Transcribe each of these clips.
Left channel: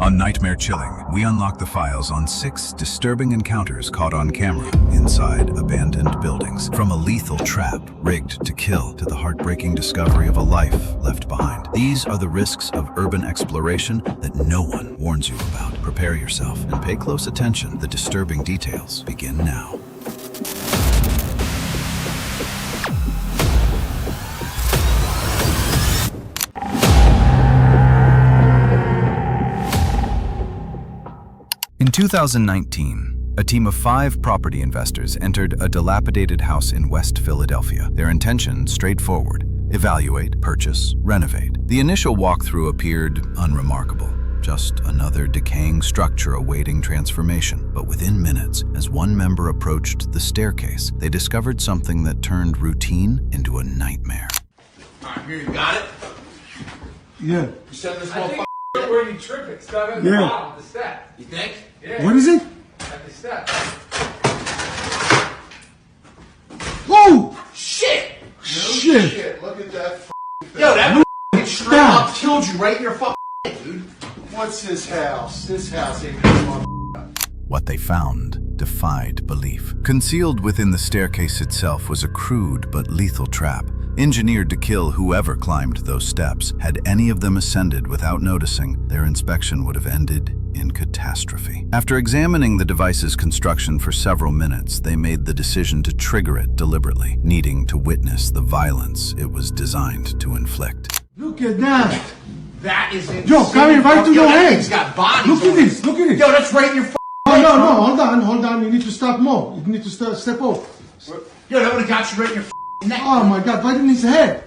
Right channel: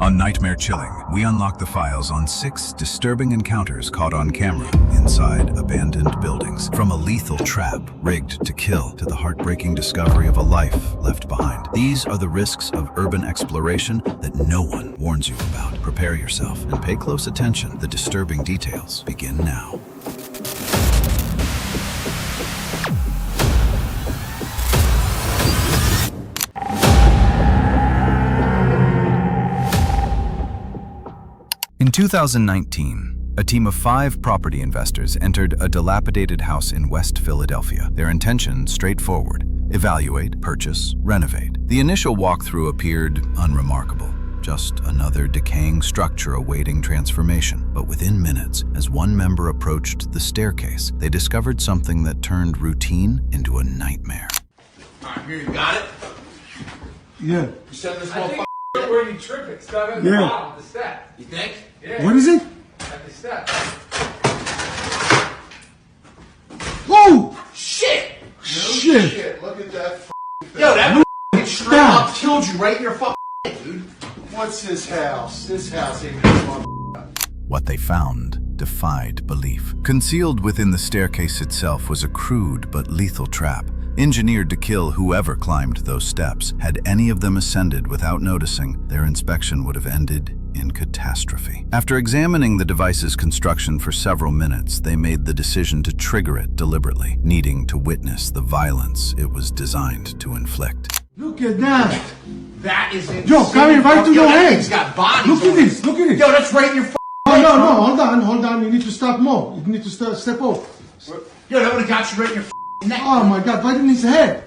On Nightmare Chilling, we unlock the files on 6 disturbing encounters caught on camera inside abandoned buildings. From a lethal trap rigged to kill to the heartbreaking discovery of a life left behind. These are the risks of urban exploration that no one warns you about. Prepare yourself and pay close attention. The disturbing details begin now. In 2019, a team of 5 property investors entered a dilapidated house in West Philadelphia. Their intention straightforward: evaluate, purchase, renovate. The initial walkthrough appeared unremarkable. Just another decaying structure awaiting transformation. But within minutes, as one member approached the staircase, they discovered something that turned routine into a nightmare. All right, here, you got it? Yeah. You said this I motherfucker. think where you tripping. Stop at the bottom of the step. You think? Yeah. What is it? At the step. Oh! Shit! Shit! Look at that thing. Yo, that fucking straight up killed you right in your fucking head, dude. What's this house? This house ain't this motherfucker. What they found defied belief. Concealed within the staircase itself was a crude but lethal trap, engineered to kill whoever climbed those steps. Had any of them ascended without noticing, their inspection would have ended in catastrophe. After examining the device's construction for several minutes, they made the decision to trigger it deliberately, needing to witness the violence it was designed to inflict. Look at that! That is insane. Yo, coming right to your head! He's got bodies. Look at this! Look at this! Yo, that's right in your fucking Oh, no, hold on. You need to stop more. You need to step off. Yo, that would have got you right in your fucking neck. Oh my God, right in his head!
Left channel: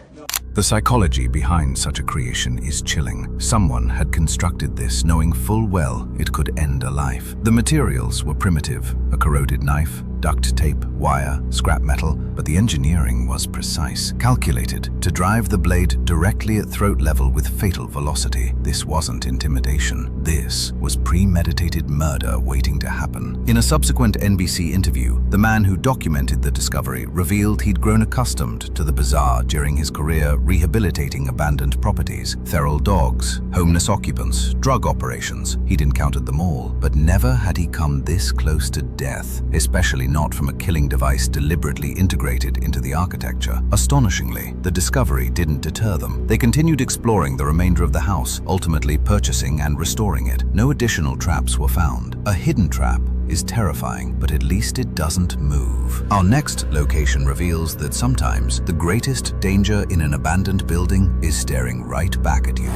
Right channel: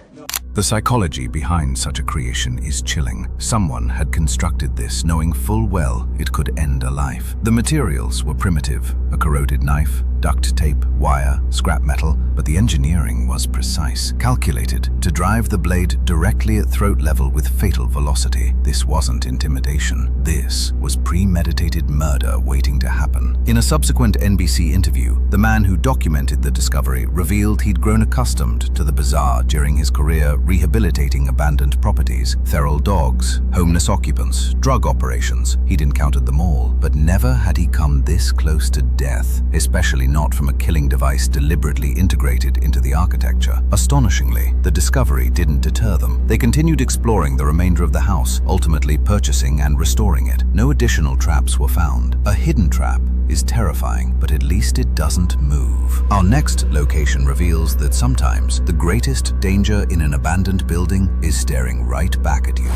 The psychology behind such a creation is chilling. Someone had constructed this knowing full well it could end a life. The materials were primitive: a corroded knife, duct tape, wire, scrap metal, but the engineering was precise, calculated to drive the blade directly at throat level with fatal velocity. This wasn't intimidation. This was premeditated murder waiting to happen. In a subsequent NBC interview, the man who documented the discovery revealed he'd grown accustomed to the bizarre during his career rehabilitating abandoned properties, feral dogs, homeless occupants, drug operations. He'd encountered them all, but never had he come this close to death, especially not from a killing device deliberately integrated into the architecture. Astonishingly, the discovery didn't deter them. They continued exploring the remainder of the house, ultimately purchasing and restoring it. No additional traps were found. A hidden trap is terrifying, but at least it doesn't move. Our next location reveals that sometimes the greatest danger in an abandoned building is staring right back at you.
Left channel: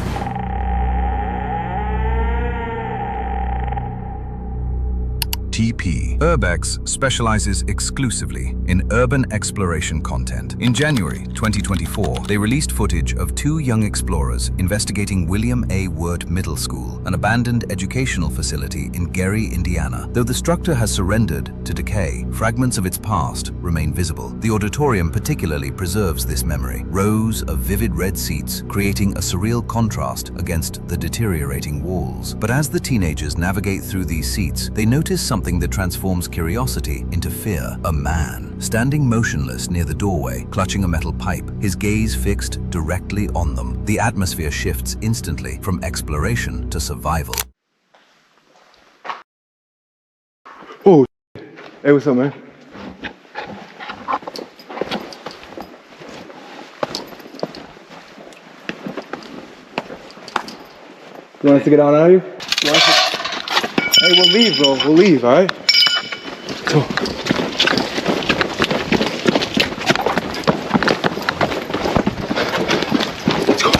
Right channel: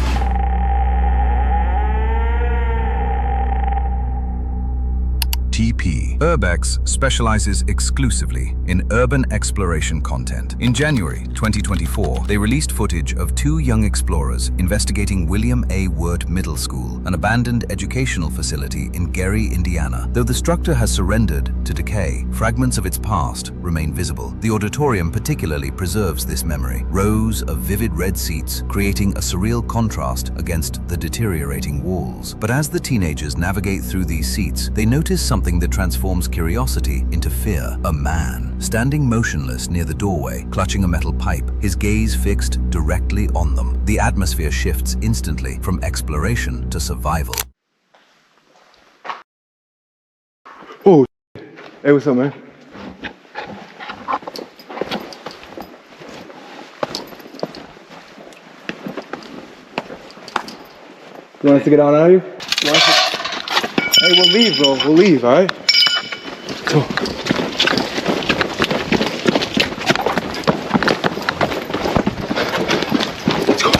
TP. Urbex specializes exclusively in urban exploration content. In January 2024, they released footage of 2 young explorers investigating William A. Wirt Middle School, an abandoned educational facility in Gary, Indiana. Though the structure has surrendered to decay, fragments of its past remain visible. The auditorium particularly preserves this memory. Rows of vivid red seats creating a surreal contrast against the deteriorating walls. But as the teenagers navigate through these seats, they notice something that transforms curiosity into fear. A man, standing motionless near the doorway, clutching a metal pipe, his gaze fixed directly on them. The atmosphere shifts instantly from exploration to survival. Oh, hey, what's up, man? You want us to get out of here? Hey, we'll leave, bro. We'll leave, all right? Go. Let's go.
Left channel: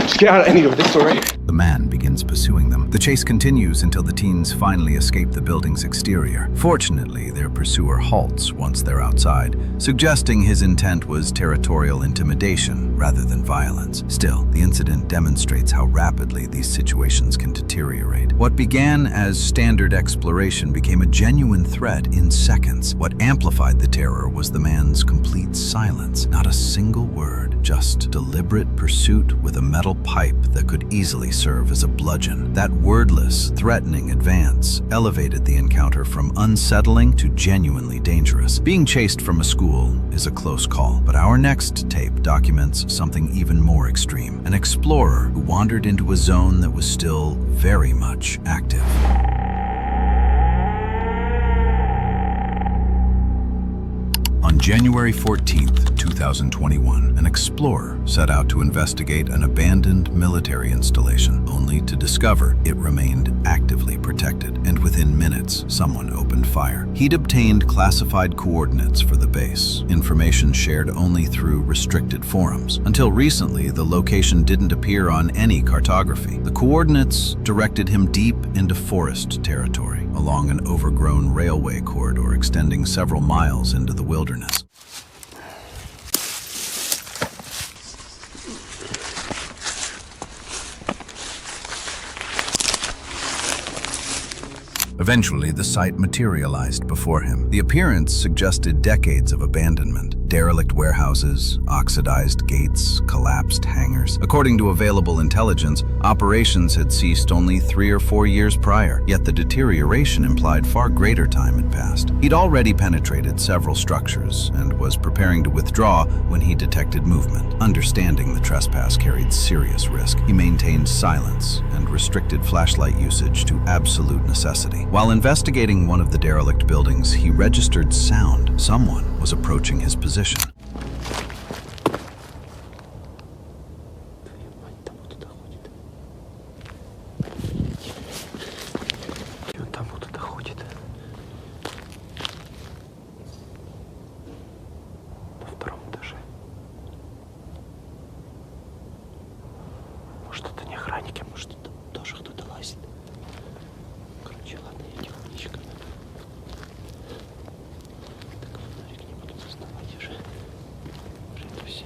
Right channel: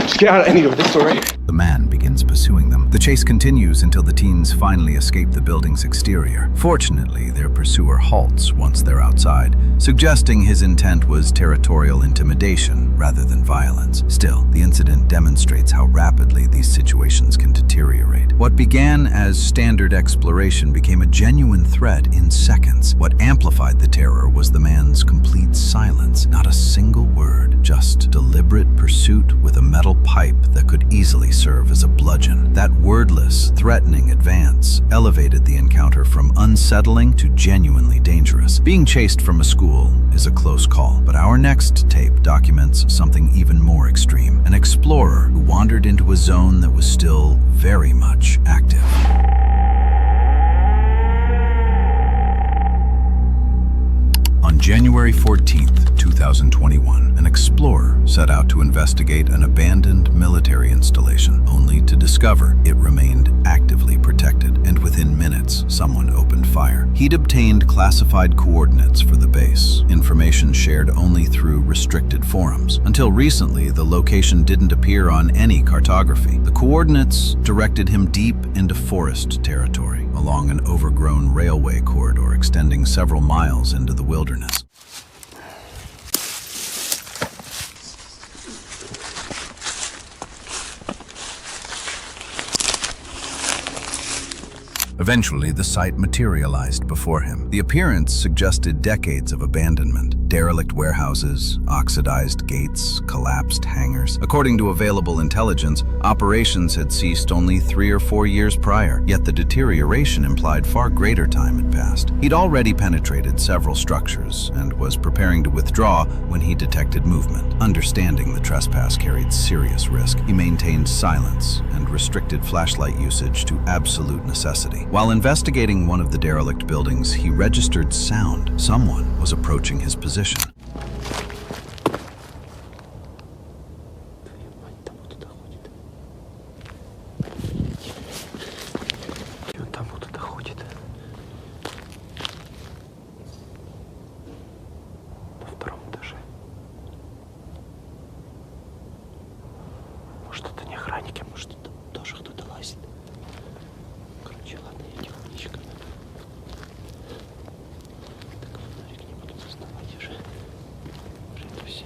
Just get out of any of this, all right? The man begins pursuing them. The chase continues until the teens finally escape the building's exterior. Fortunately, their pursuer halts once they're outside, suggesting his intent was territorial intimidation rather than violence. Still, the incident demonstrates how rapidly these situations can deteriorate. What began as standard exploration became a genuine threat in seconds. What amplified the terror was the man's complete silence. Not a single word, just deliberate pursuit with a metal pipe that could easily serve as a bludgeon. That wordless, threatening advance elevated the encounter from unsettling to genuinely dangerous. Being chased from a school is a close call, but our next tape documents something even more extreme. An explorer who wandered into a zone that was still very much active. On January 14th, 2021, an explorer set out to investigate an abandoned military installation, only to discover it remained actively protected, and within minutes, someone opened fire. He'd obtained classified coordinates for the base, information shared only through restricted forums. Until recently, the location didn't appear on any cartography. The coordinates directed him deep into forest territory, along an overgrown railway corridor extending several miles into the wilderness. Eventually, the site materialized before him. The appearance suggested decades of abandonment. Derelict warehouses, oxidized gates, collapsed hangars. According to available intelligence, operations had ceased only 3 or 4 years prior, yet the deterioration implied far greater time had passed. He'd already penetrated several structures and was preparing to withdraw when he detected movement. Understanding the trespass carried serious risk, he maintained silence and restricted flashlight usage to absolute necessity. While investigating one of the derelict buildings, he registered sound. Someone was approaching his position. Может, это не охранники, может, это тоже кто-то лазит. Короче, ладно, я тихонечко. Так, фонарик не буду доставать уже. Уже это все.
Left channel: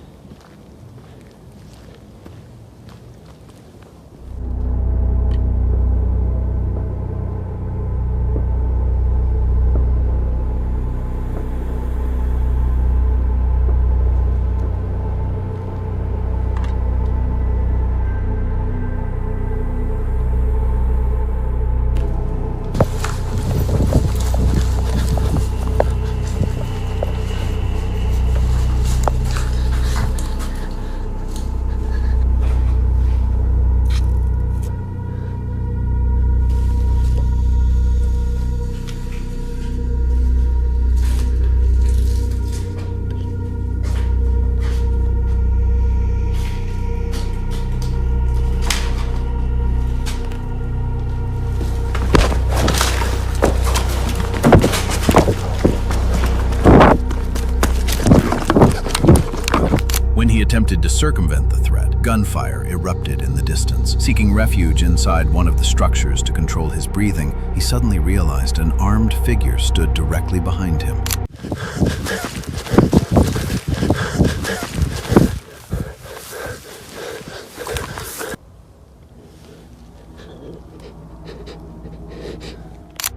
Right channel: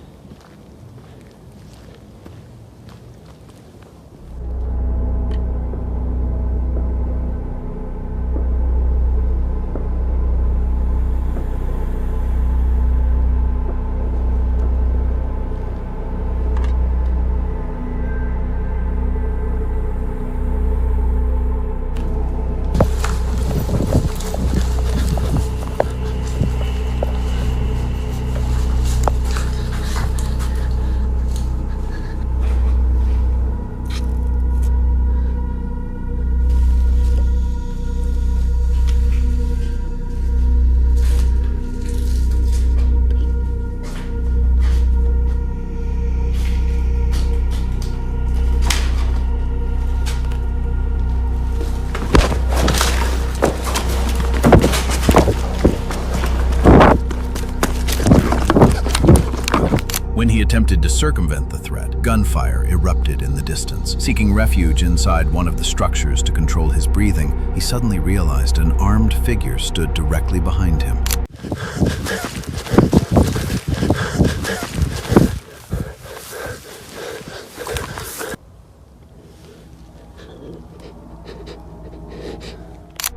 When he attempted to circumvent the threat, gunfire erupted in the distance. Seeking refuge inside one of the structures to control his breathing, he suddenly realized an armed figure stood directly behind him.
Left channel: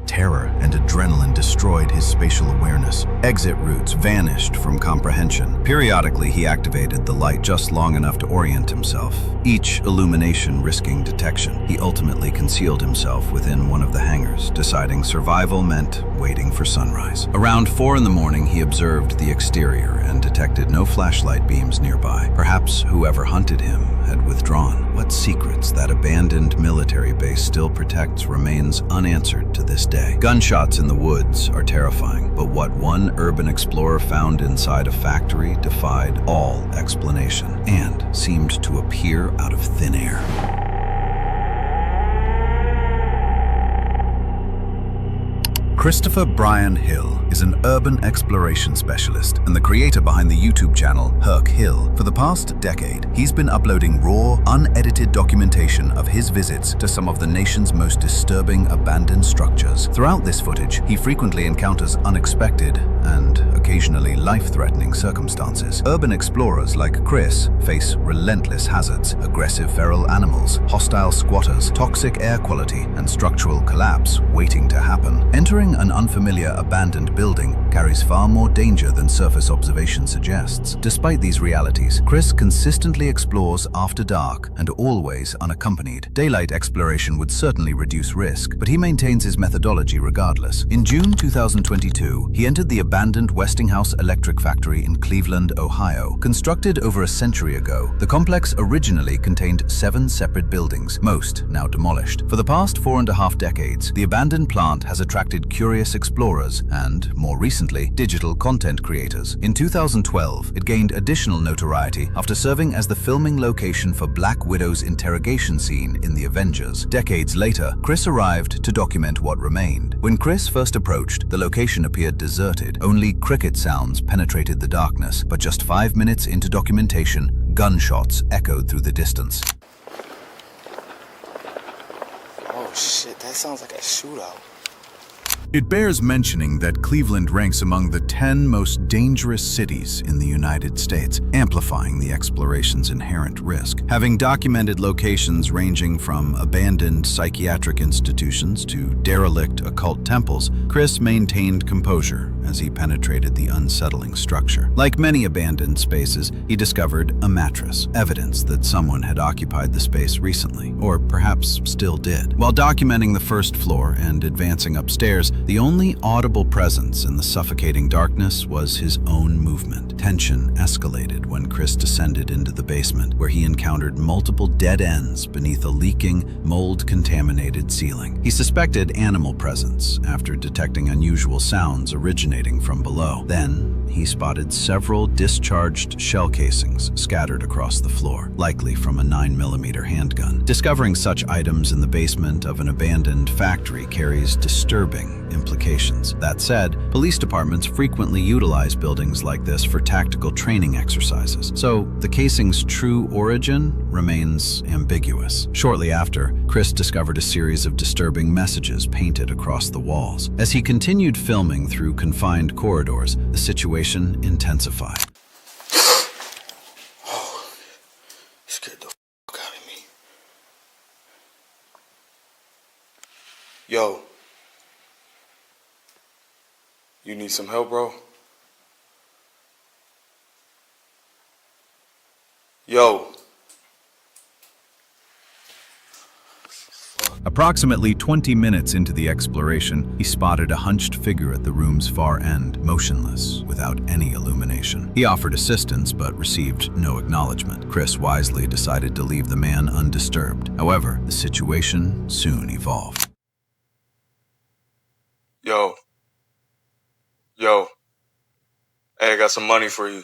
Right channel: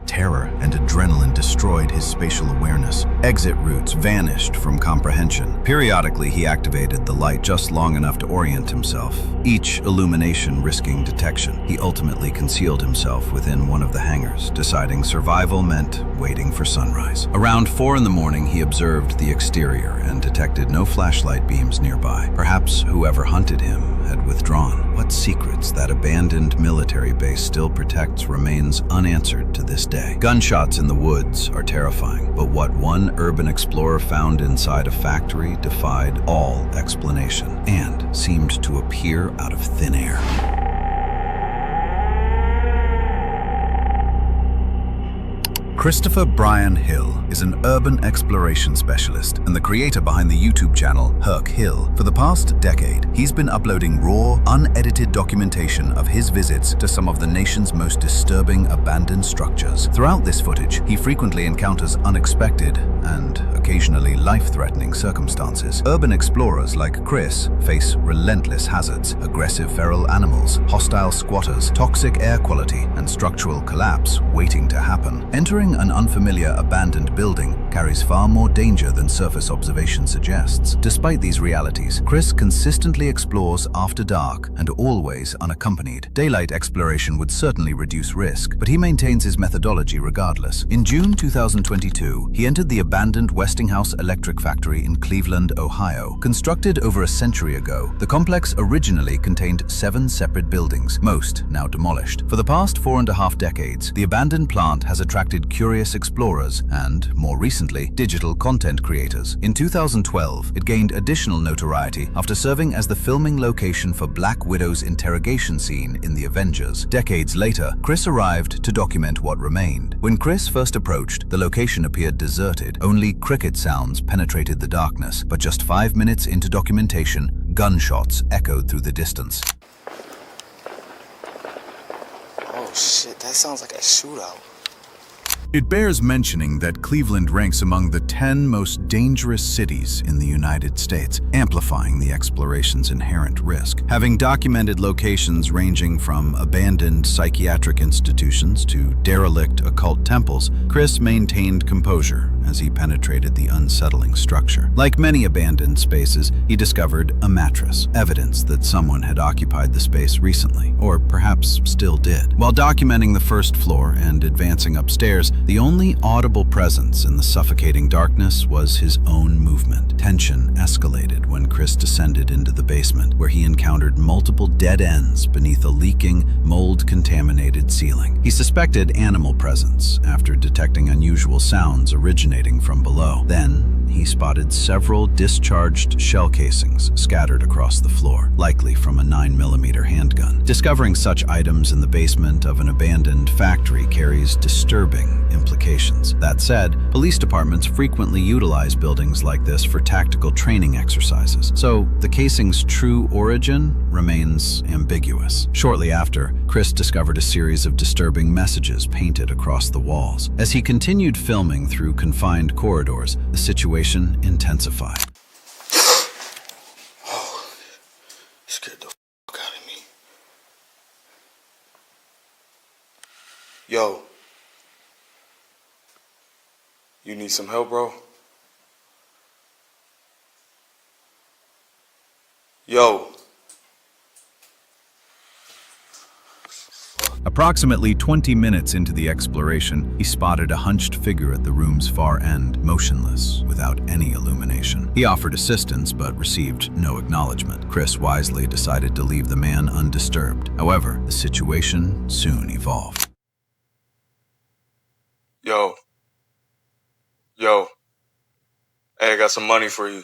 Terror and adrenaline destroyed his spatial awareness. Exit routes vanished from comprehension. Periodically, he activated the light just long enough to orient himself, each illumination risking detection. He ultimately concealed himself within one of the hangars, deciding survival meant waiting for sunrise. Around 4 in the morning, he observed the exterior and detected no flashlight beams nearby. Perhaps whoever hunted him had withdrawn. What secrets that abandoned military base still protects remains unanswered to this day. Gunshots in the woods are terrifying, but what one urban explorer found inside a factory defied all explanation and seemed to appear out of thin air. Christopher Brian Hill is an urban exploration specialist and the creator behind the YouTube channel Herc Hill. For the past decade, he's been uploading raw, unedited documentation of his visits to some of the nation's most disturbing abandoned structures. Throughout this footage, he frequently encounters unexpected and occasionally life-threatening circumstances. Urban explorers like Chris face relentless hazards, aggressive feral animals, hostile squatters, toxic air quality, and structural collapse waiting to happen. Entering Exploring an unfamiliar abandoned building carries far more danger than surface observation suggests. Despite these realities, Chris consistently explores after dark and always unaccompanied. Daylight exploration would certainly reduce risk, but he maintains his methodology regardless. In June 2022, he entered the abandoned Westinghouse electric factory in Cleveland, Ohio. Constructed over a century ago, the complex originally contained 7 separate buildings, most now demolished. For the past 4.5 decades, the abandoned plant has attracted curious explorers and, more recently, digital content creators. In 2012, it gained additional notoriety after serving as the filming location for Black Widow's interrogation scene in The Avengers. Decades later, Chris arrived to document what remained. When Chris first approached, the location appeared deserted. Only cricket sounds penetrated the darkness, but just 5 minutes into documentation, gunshots echoed through the distance. Oh shit, that sounds like a shootout. It bears mentioning that Cleveland ranks among the 10 most dangerous cities in the United States, amplifying the exploration's inherent risk. Having documented locations ranging from abandoned psychiatric institutions to derelict occult temples, Chris maintained composure as he penetrated the unsettling structure. Like many abandoned spaces, he discovered a mattress, evidence that someone had occupied the space recently, or perhaps still did. While documenting the first floor and advancing upstairs, the only audible presence in the suffocating darkness was his own movement. Tension escalated when Chris descended into the basement, where he encountered multiple dead ends beneath a leaking, mold-contaminated ceiling. He suspected animal presence after detecting unusual sounds originating from below. Then, he spotted several discharged shell casings scattered across the floor, likely from a 9mm handgun. Discovering such items in the basement of an abandoned factory carries disturbing implications. That said, police departments frequently utilize buildings like this for tactical training exercises, so the casing's true origin remains ambiguous. Shortly after, Chris discovered a series of disturbing messages painted across the walls. As he continued filming through confined corridors, the situation intensified. Oh, scared the fuck out of me. Yo. You need some help, bro? Yo. Approximately 20 minutes into the exploration, he spotted a hunched figure at the room's far end, motionless, without any illumination. He offered assistance, but received no acknowledgement. Chris wisely decided to leave the man undisturbed. However, the situation soon evolved. Yo. Hey, I got some money for you.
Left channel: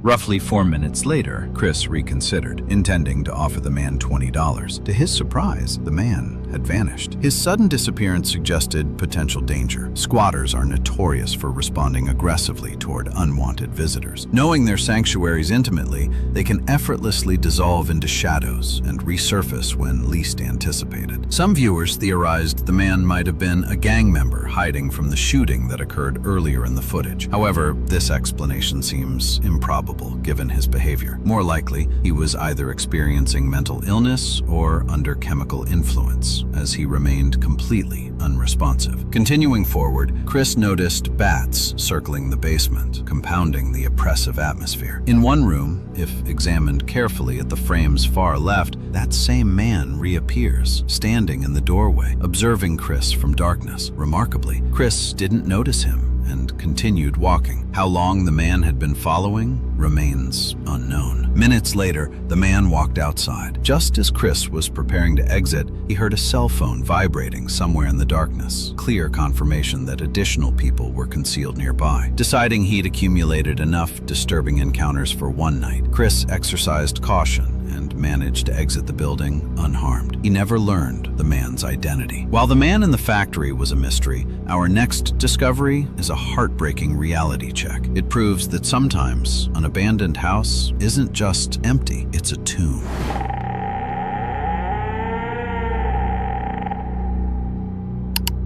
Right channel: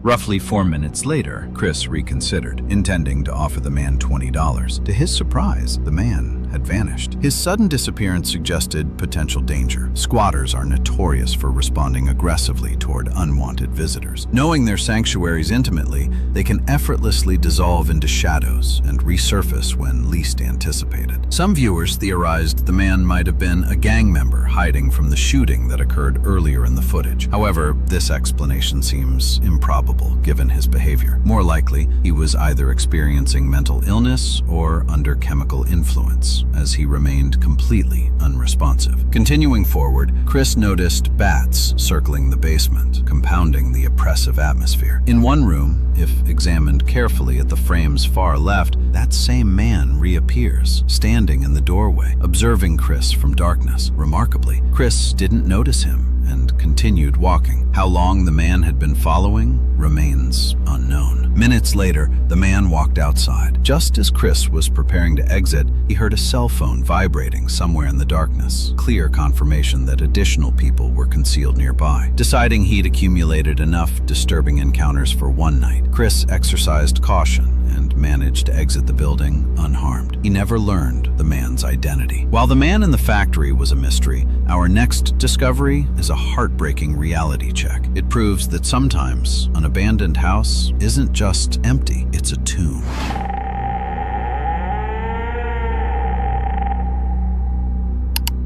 Roughly 4 minutes later, Chris reconsidered, intending to offer the man $20. To his surprise, the man had vanished. His sudden disappearance suggested potential danger. Squatters are notorious for responding aggressively toward unwanted visitors. Knowing their sanctuaries intimately, they can effortlessly dissolve into shadows and resurface when least anticipated. Some viewers theorized the man might have been a gang member hiding from the shooting that occurred earlier in the footage. However, this explanation seems improbable given his behavior. More likely, he was either experiencing mental illness or under chemical influence, as he remained completely unresponsive. Continuing forward, Chris noticed bats circling the basement, compounding the oppressive atmosphere. In one room, if examined carefully at the frame's far left, that same man reappears, standing in the doorway, observing Chris from darkness. Remarkably, Chris didn't notice him and continued walking. How long the man had been following remains unknown. Minutes later, the man walked outside. Just as Chris was preparing to exit, he heard a cell phone vibrating somewhere in the darkness, clear confirmation that additional people were concealed nearby. Deciding he'd accumulated enough disturbing encounters for one night, Chris exercised caution and managed to exit the building unharmed. He never learned the man's identity. While the man in the factory was a mystery, our next discovery is a heartbreaking reality check. It proves that sometimes an abandoned house isn't just empty, it's a tomb.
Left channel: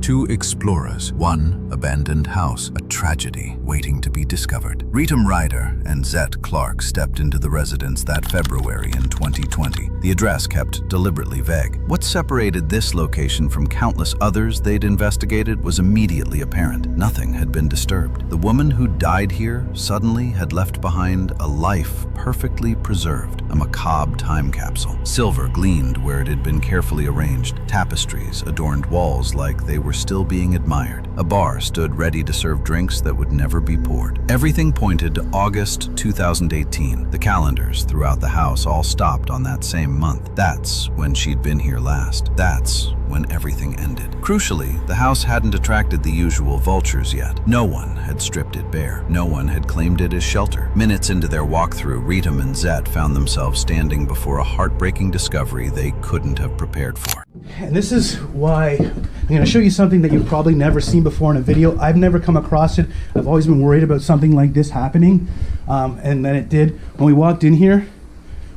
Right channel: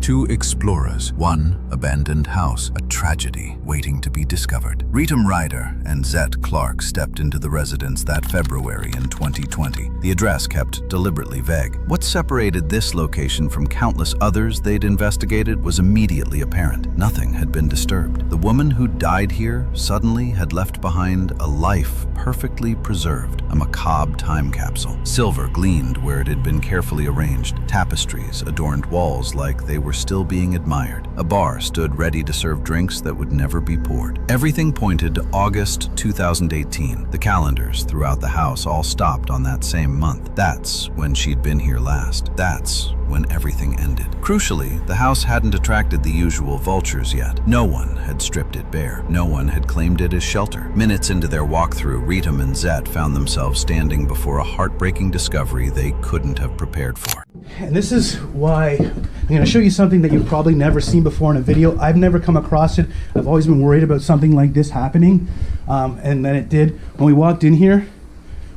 Two explorers, one abandoned house, a tragedy waiting to be discovered. Ritam Ryder and Zet Clark stepped into the residence that February in 2020. The address kept deliberately vague. What separated this location from countless others they'd investigated was immediately apparent. Nothing had been disturbed. The woman who died here suddenly had left behind a life perfectly preserved, a macabre time capsule. Silver gleamed where it had been carefully arranged. Tapestries adorned walls like they were still being admired. A bar stood ready to serve drinks that would never be poured. Everything pointed to August 2018. The calendars throughout the house all stopped on that same month. That's when she'd been here last. That's when everything ended. Crucially, the house hadn't attracted the usual vultures yet. No one had stripped it bare. No one had claimed it as shelter. Minutes into their walkthrough, Ritam and Zet found themselves standing before a heartbreaking discovery they couldn't have prepared for. And this is why I'm going to show you something that you've probably never seen before in a video. I've never come across it. I've always been worried about something like this happening. And then it did. When we walked in here,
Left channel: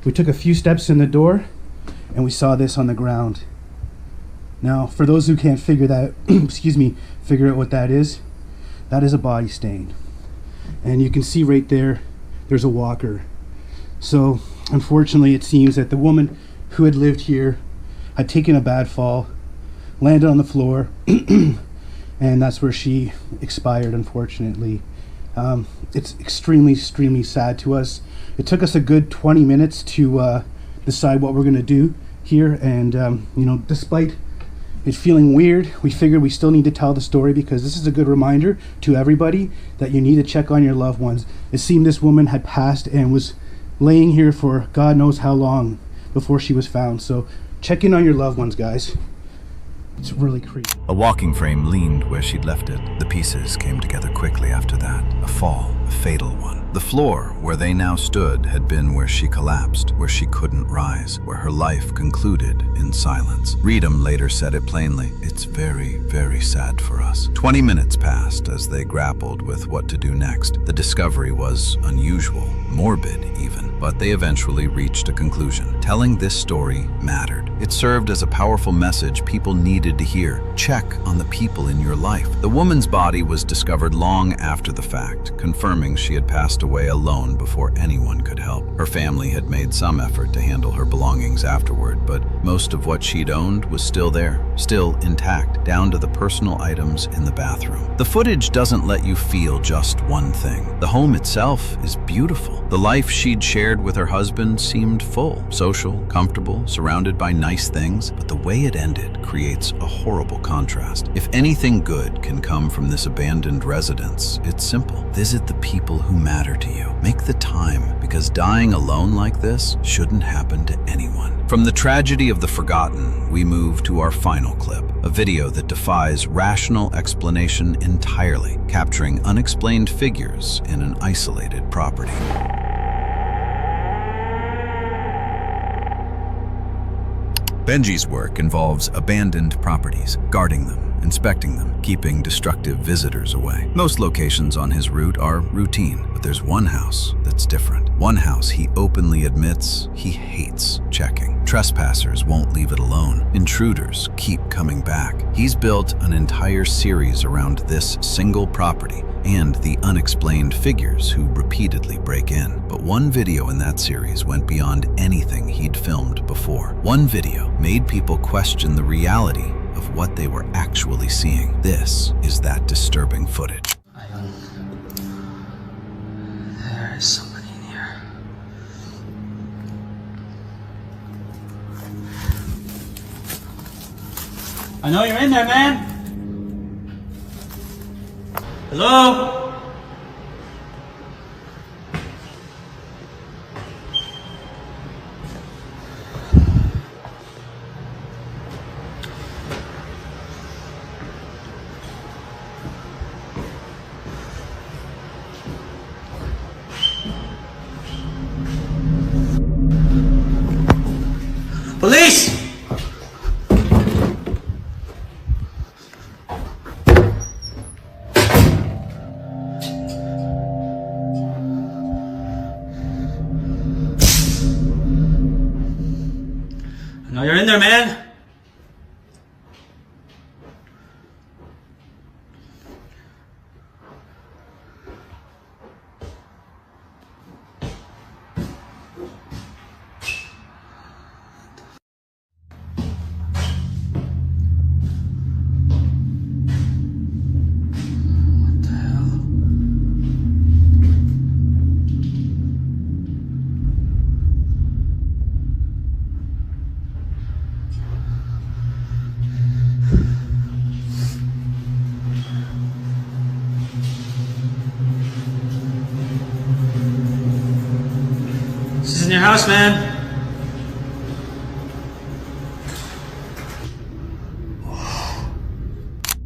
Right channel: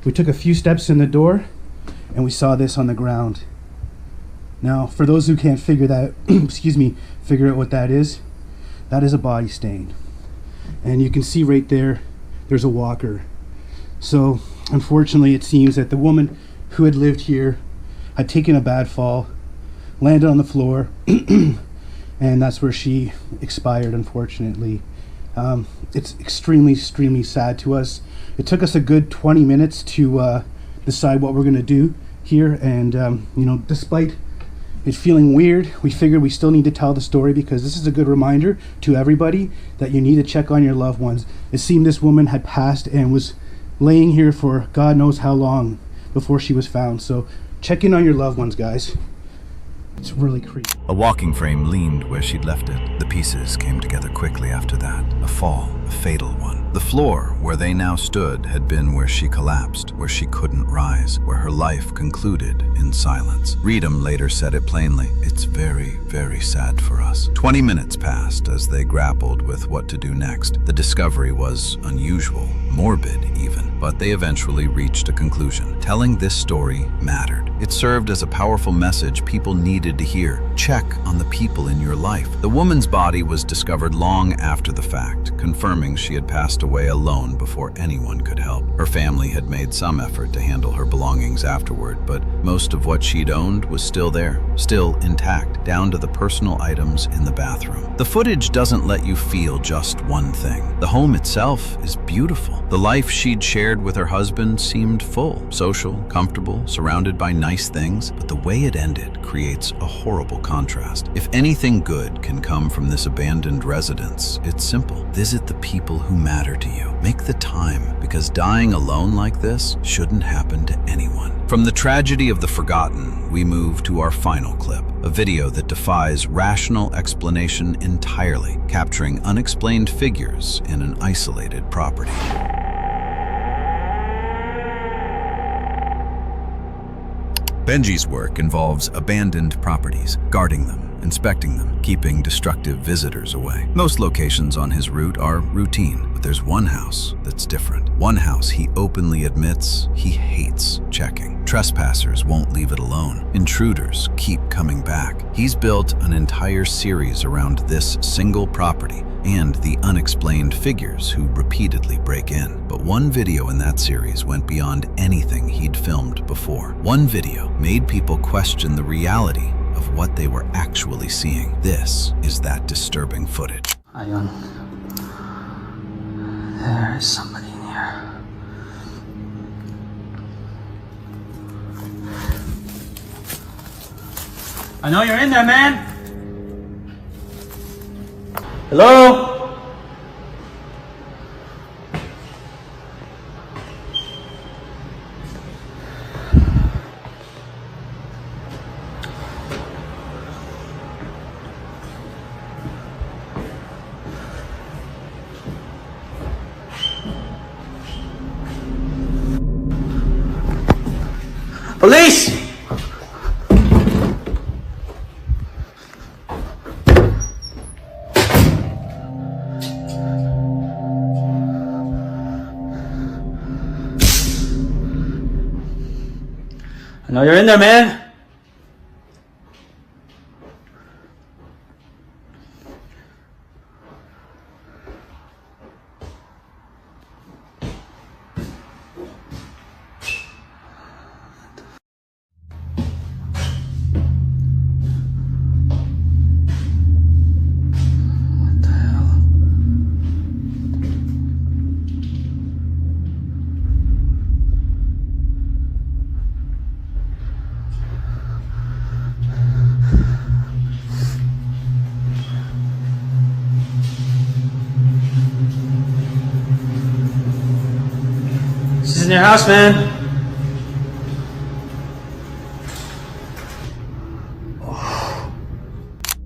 we took a few steps in the door and we saw this on the ground. Now, for those who can't figure that, figure out what that is a body stain. And you can see right there, there's a walker. So, unfortunately, it seems that the woman who had lived here had taken a bad fall, landed on the floor, and that's where she expired, unfortunately. It's extremely sad to us. It took us a good 20 minutes to decide what we're going to do here, and despite it feeling weird, we figured we still need to tell the story because this is a good reminder to everybody that you need to check on your loved ones. It seemed this woman had passed and was laying here for God knows how long before she was found. So check in on your loved ones, guys. It's really creepy. A walking frame leaned where she'd left it. The pieces came together quickly after that. A fall, a fatal one. The floor where they now stood had been where she collapsed, where she couldn't rise, where her life concluded in silence. Ritam later said it plainly, "It's very, very sad for us." 20 minutes passed as they grappled with what to do next. The discovery was unusual, morbid even, but they eventually reached a conclusion. Telling this story mattered. It served as a powerful message people needed to hear. Check on the people in your life. The woman's body was discovered long after the fact, confirming she had passed away alone before anyone could help. Her family had made some effort to handle her belongings afterward, but most of what she'd owned was still there, still intact, down to the personal items in the bathroom. The footage doesn't let you feel just one thing. The home itself is beautiful. The life she'd shared with her husband seemed full, social, comfortable, surrounded by nice things, but the way it ended creates a horrible contrast. If anything good can come from this abandoned residence, it's simple. Visit the people who matter to you. Make the time, because dying alone like this shouldn't happen to anyone. From the tragedy of the forgotten, we move to our final clip, a video that defies rational explanation entirely, capturing unexplained figures in an isolated property. Benji's work involves abandoned properties, guarding them, inspecting them, keeping destructive visitors away. Most locations on his route are routine, but there's one house that's different. One house he openly admits he hates checking. Trespassers won't leave it alone. Intruders keep coming back. He's built an entire series around this single property and the unexplained figures who repeatedly break in. But one video in that series went beyond anything he'd filmed before. One video made people question the reality of what they were actually seeing. This is that disturbing footage. Ayun. There is somebody in here. I know you're in there, man. Hello? Police! I know you're in there, man. your house, man.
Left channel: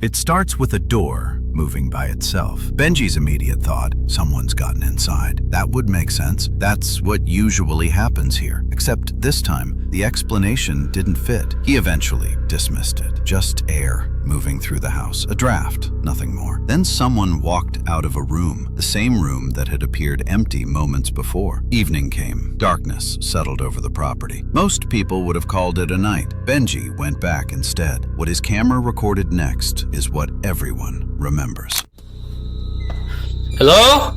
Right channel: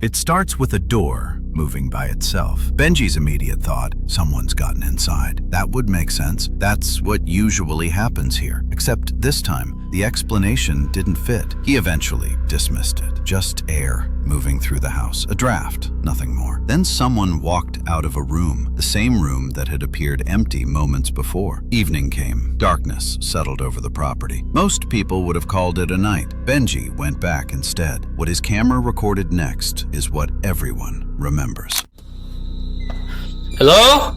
It starts with a door moving by itself. Benji's immediate thought, someone's gotten inside. That would make sense. That's what usually happens here. Except this time, the explanation didn't fit. He eventually dismissed it. Just air moving through the house. A draft, nothing more. Then someone walked out of a room, the same room that had appeared empty moments before. Evening came. Darkness settled over the property. Most people would have called it a night. Benji went back instead. What his camera recorded next is what everyone remembers. Hello?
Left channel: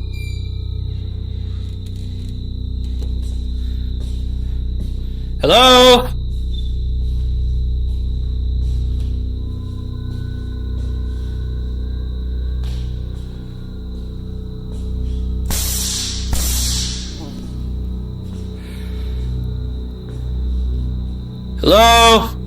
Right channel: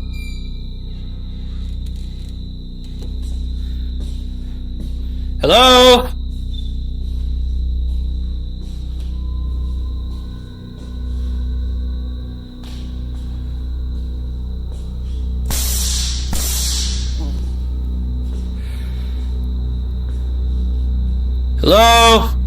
Hello? Hello?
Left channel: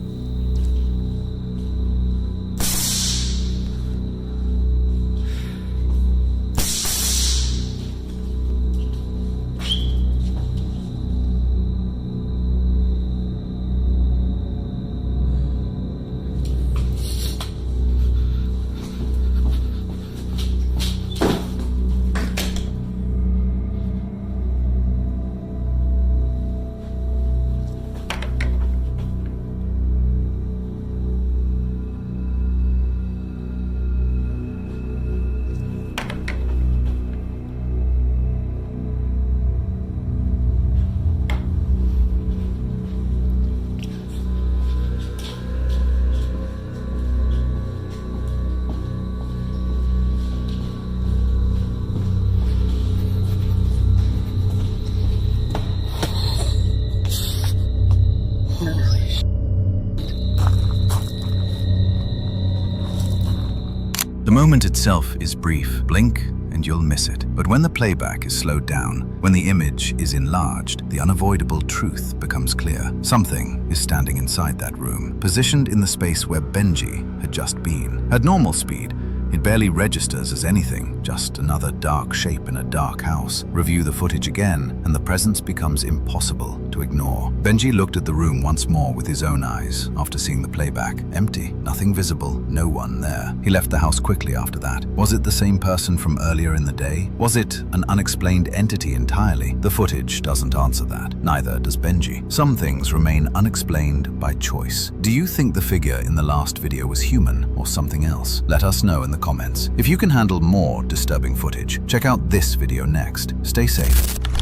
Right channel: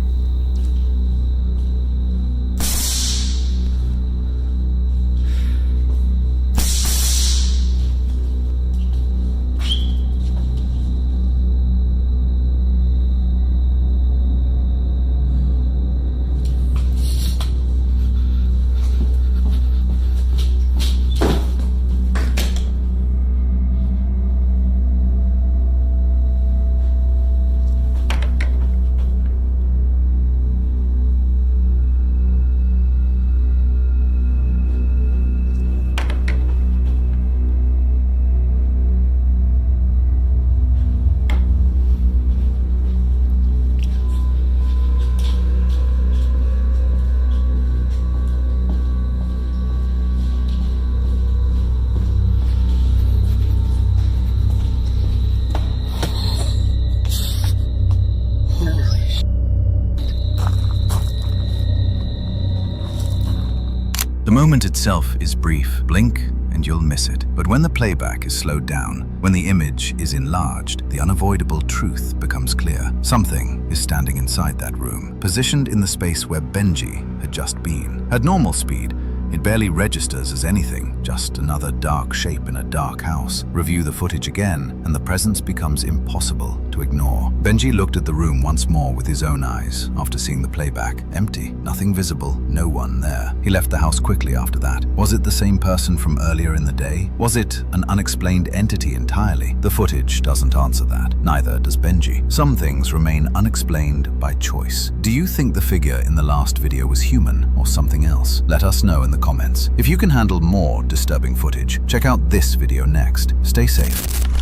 The moment itself is brief. Blink and you'll miss it. But when the playback is slowed down, when the image is enlarged, the unavoidable truth becomes clear. Something is standing inside that room, positioned in the space where Benji had just been. At normal speed, it barely registers as anything, just another dark shape in a dark house. Review the footage again, and the presence becomes impossible to ignore. Benji looked at the room once more with his own eyes after seeing the playback. Empty, nothing visible, no one there. He left the house quickly after that. Was it the same person from earlier in the day? Was it an unexplained entity entirely? The footage doesn't answer that. Neither does Benji. Some things remain unexplained by choice. Do you think the figure in the last video was human or something else? Let us know in the comments. If you can handle more disturbing footage, check out this video next. Stay safe.